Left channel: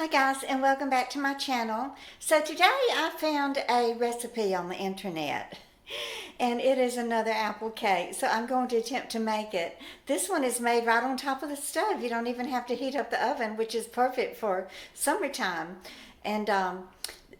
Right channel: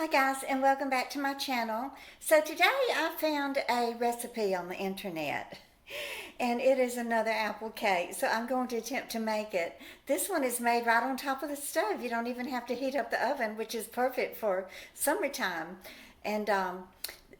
Hi guys, and welcome back to my channel. So today I found a recipe on the internet and it is another apple cake. So I'm going to attempt to make it. This one is made right on top of the stove. You don't even have to heat up the oven, which is perfect for summertime. And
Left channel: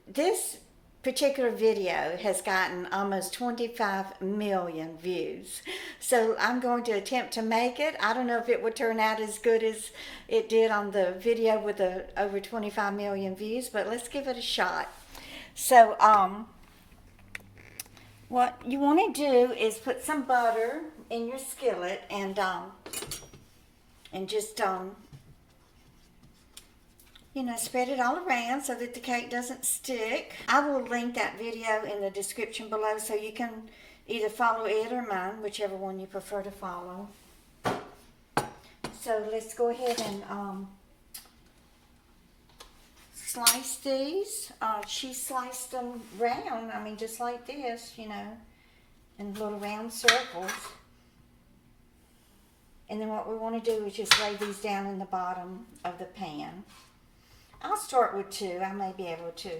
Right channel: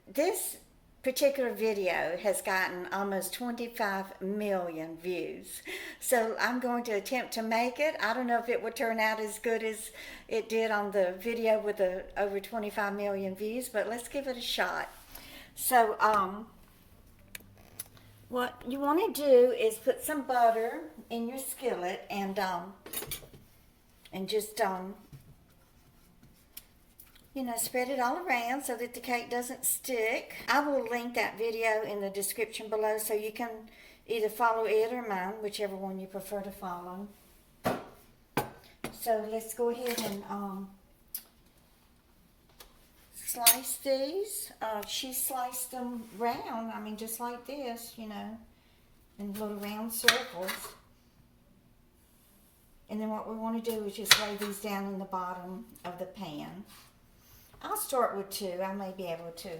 this particular video has gotten almost 25 million views. So I'm going to attempt to make it. I don't know if it would turn out as good as it did on the video with the over 25 million views, but let's give it a shot. So what you want to do is put some butter in your skillet and just spread it all around so that the cake doesn't stick. I will link that video in the description below so you can either follow it or mine, whichever one you prefer to follow. So let's go ahead and slice these. She sliced them round, just like this, in little round circles. And then what we want to do is just lay these down in the bottom of the pan. I'll start with two. I may be able to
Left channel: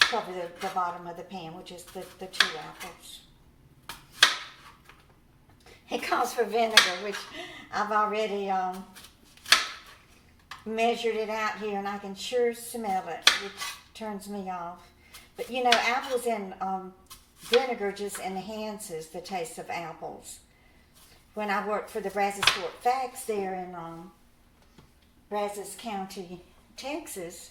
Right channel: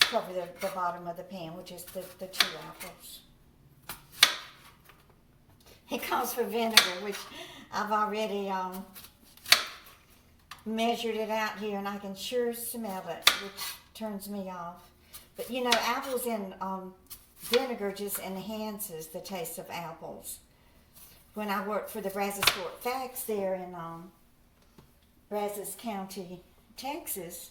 cover the bottom of the pan, which is the two apples. It calls for vinegar, which I've already measured it out here, and I can sure smell it, which turns me off. But apples and vinegar just enhances the taste of apples. When I worked for the Brazos Fort Facts there in Brazos County, Texas,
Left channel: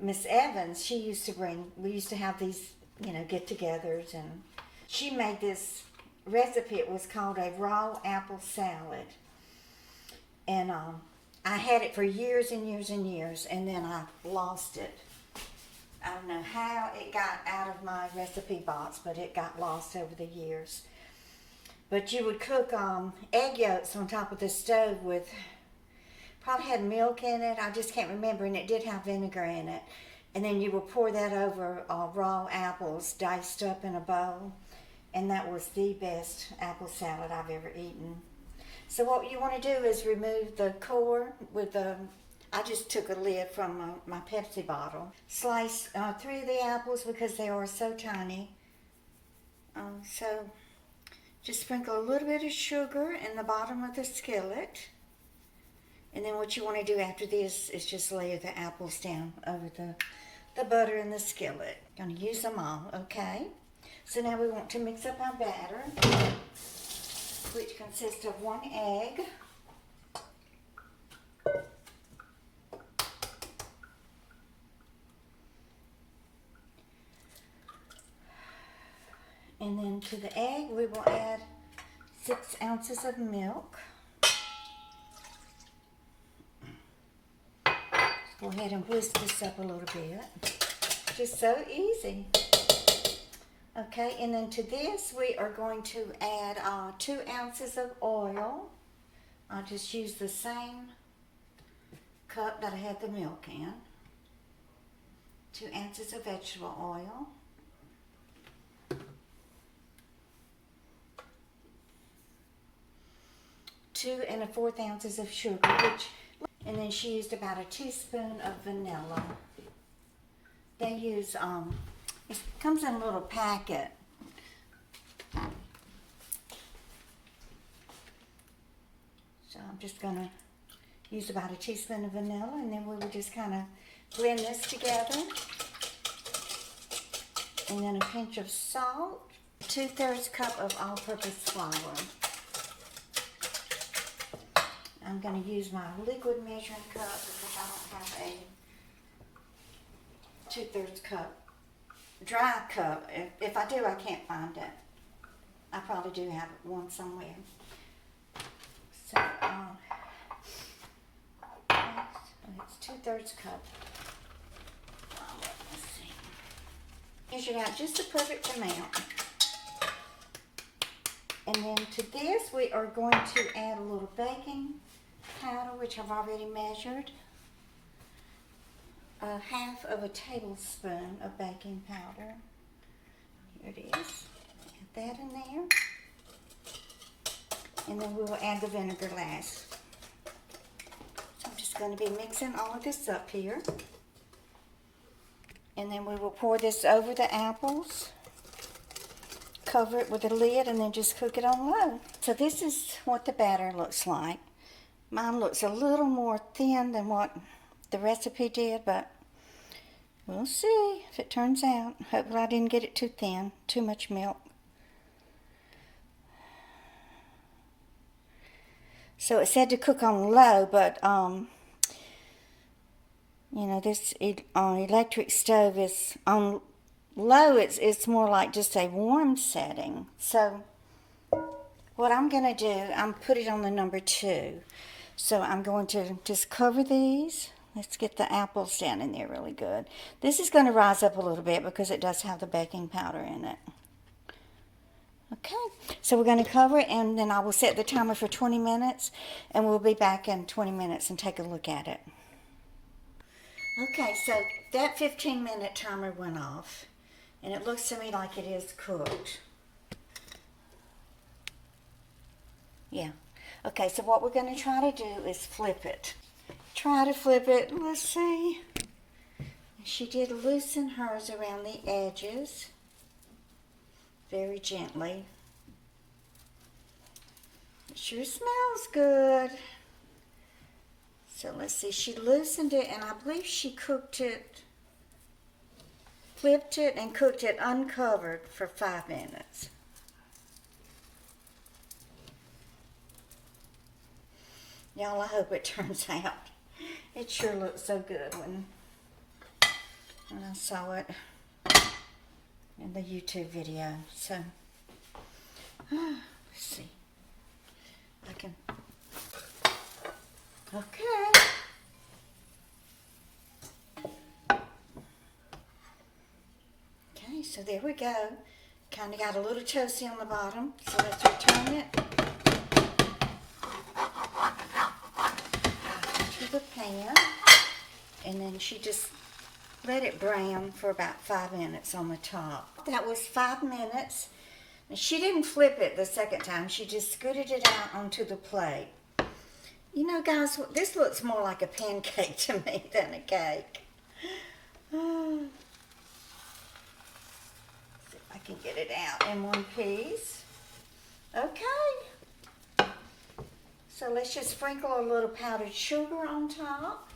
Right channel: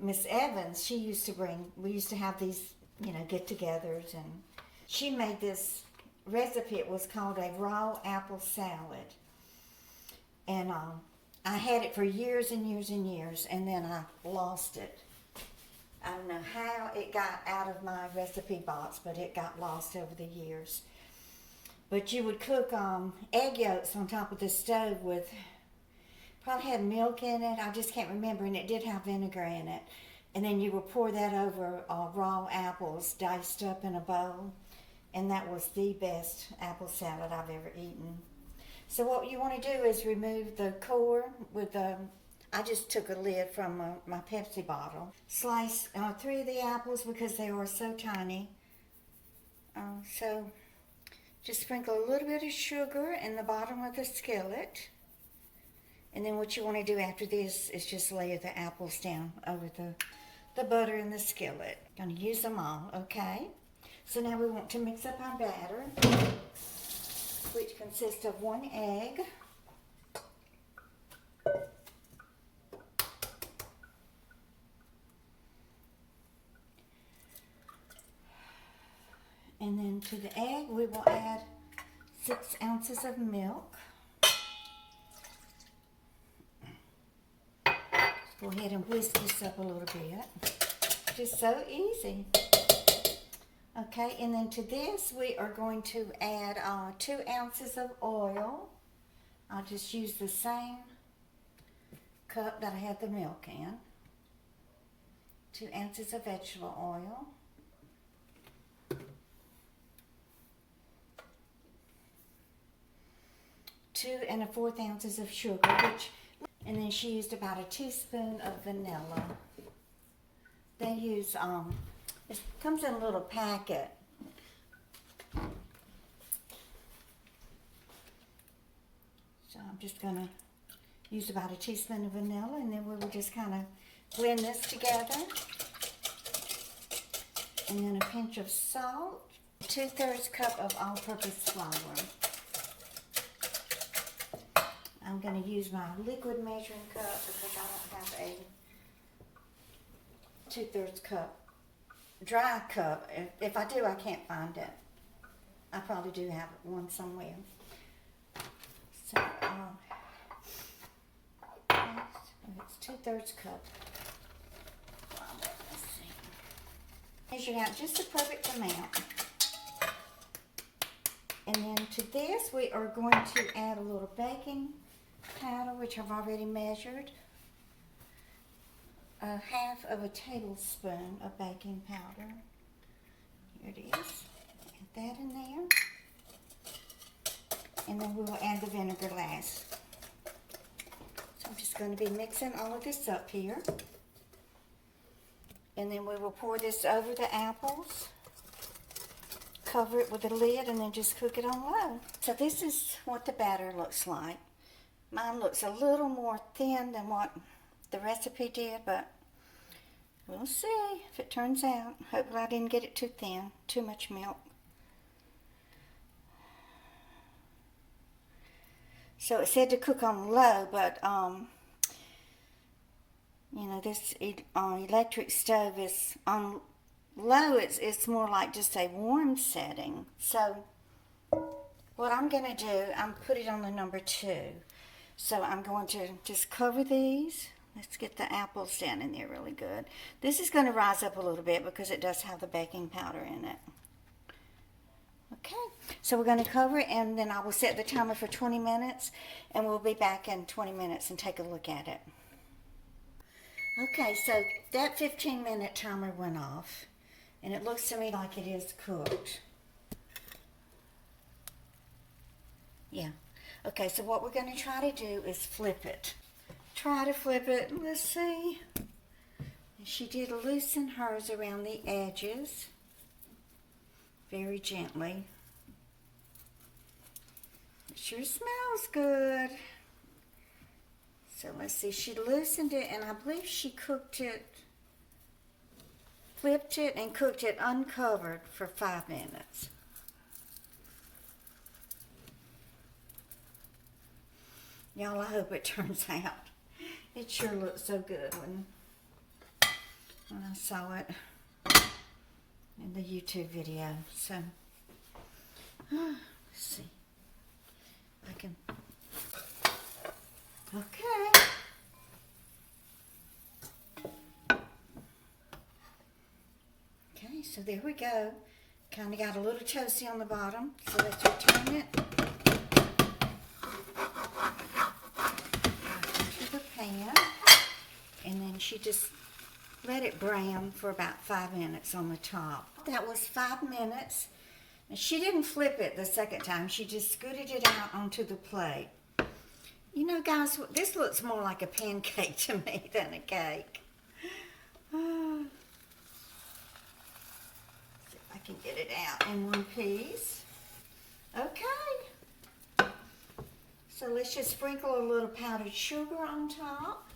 Miss Evans, we used to have these, get-togethers, and she made this recipe. It was called a raw apple salad, and I had it for years and years and years, and then I lost it. I don't know how it got out of my recipe box, but it got lost over the years. But you would cook egg yolks on top of the stove with, probably had milk in it, I just can't remember, and it did have vinegar in it. And then you would pour that over raw apples diced up in a bowl, and that was the best apple salad I've ever eaten. So what you want to do is remove the core with I just took a lid from my Pepsi bottle. Slice 3 of the apples because they are so tiny. So just sprinkle a little bit of sugar in the bottom of the skillet. And then what you want to do after this is just lay the apples down over the butter in the skillet. Going to use them all, okay? So now we want to mix up our batter, which consists of 1 egg, and then to the egg we will add 6 ounces of milk. Go ahead and whisk this up a little bit. Just so easy. Okay, and then to this we are going to add 2 ounces of oil. I'll just use the same cup that I had the milk in. 2 ounces of vegetable oil. 2 1/4 ounces of sugar, and then she used about a teaspoon of vanilla. They use, it comes in a little packet. So I'm just going to use about a teaspoon of vanilla, and then we will just kind of blend this together. And then a pinch of salt, 2/3 cup of all-purpose flour. I'm going to use my liquid measuring cup because I don't have a 2/3 cup dry cup. If I do, I can't find it. I probably do have one somewhere. So, it's 2/3 cup. Let's see. Measure out just the perfect amount. And then to this, we are going to add a little baking powder, which I've already measured. 1/2 of a tablespoon of baking powder. Here it is. Add that in there. And then we will add the vinegar last. So I'm just just going to be mixing all of this up here. And then we will pour this over the apples. Cover it with a lid and then just cook it on low. So this is what the batter looks like. Mine looks a little more thin than what the recipe did, but we'll see if it turns out. Hopefully I didn't get it too thin, too much milk. So it said to cook on low, but you know, this electric stove is on low. It's more like just a warm setting. So what I'm going to do, I'm put it on the number 2. So I'm going to just cover these. Let's get the apples down in there really good. This is going to rise up a little bit because it does have the baking powder in it. Okay, so we're going to cover it, and then I will set the timer for 20 minutes, and we'll be back in 20 minutes and take a look at it. Okay, so that 15-minute timer went off, and it looks to me like it is cooked. Yeah. Okay, so what we're going to try to do is flip it. Try to flip it. Let's see. She did loosen hers around the edges. Very gently. It sure smells good. So let's see, she loosened it, and I believe she cooked it, flipped it and cooked it uncovered for 5 minutes. Y'all, I hope it turns out. It sure looked so good when I saw it in the YouTube video. So, let's see. I can. Okay. Okay, so there we go. Kind of got a little toasty on the bottom. So let's return it into the pan. And then she just let it brown for about 5 minutes on the top. That was 5 minutes. And she didn't flip it the second time. She just scooted it out onto the plate. You know, guys, this looks more like a pancake to me than a cake. Oh. See if I can get it out in one piece. Okay. So let's just sprinkle a little powdered sugar on top.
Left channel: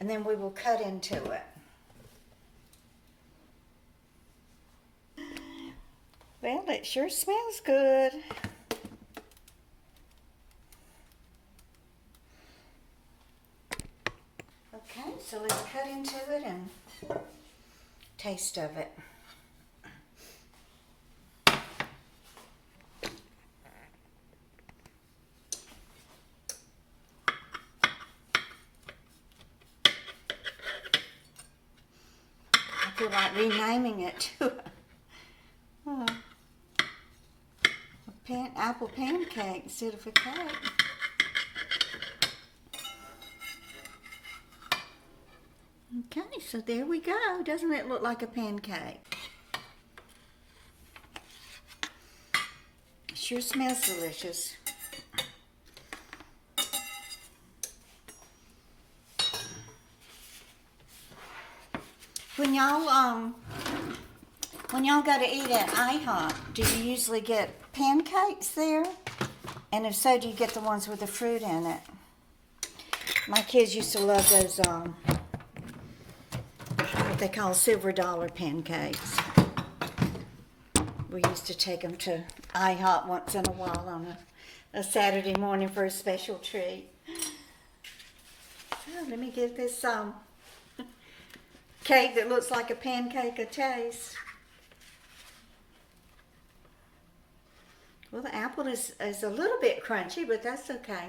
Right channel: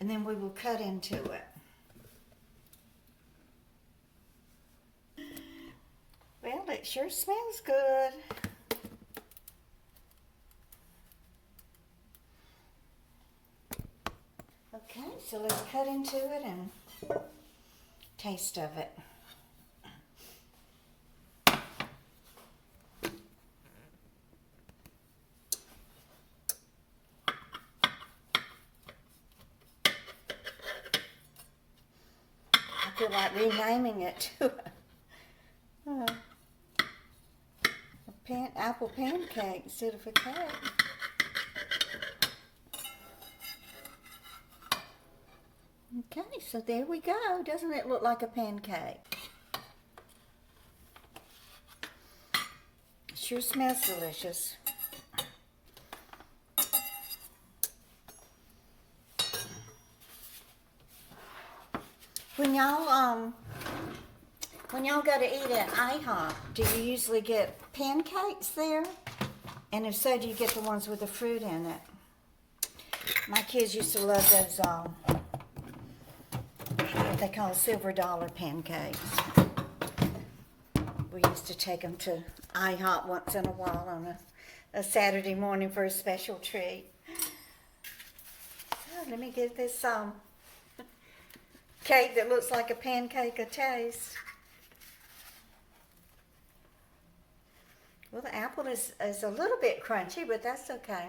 And then we will cut into it. Well, it sure smells good. Okay, so let's cut into it and taste of it. I feel like renaming it to a apple pancake instead of a cake. Okay, so there we go. Doesn't it look like a pancake? It sure smells delicious. When y'all go to eat at IHOP, do you usually get pancakes there? And if so, do you get the ones with the fruit in it? My kids used to love those, what they call silver dollar pancakes. We used to take them to IHOP once in a while on a Saturday morning for a special treat. So let me give this cake that looks like a pancake a taste. Well, the apple is a little bit crunchy, but that's okay.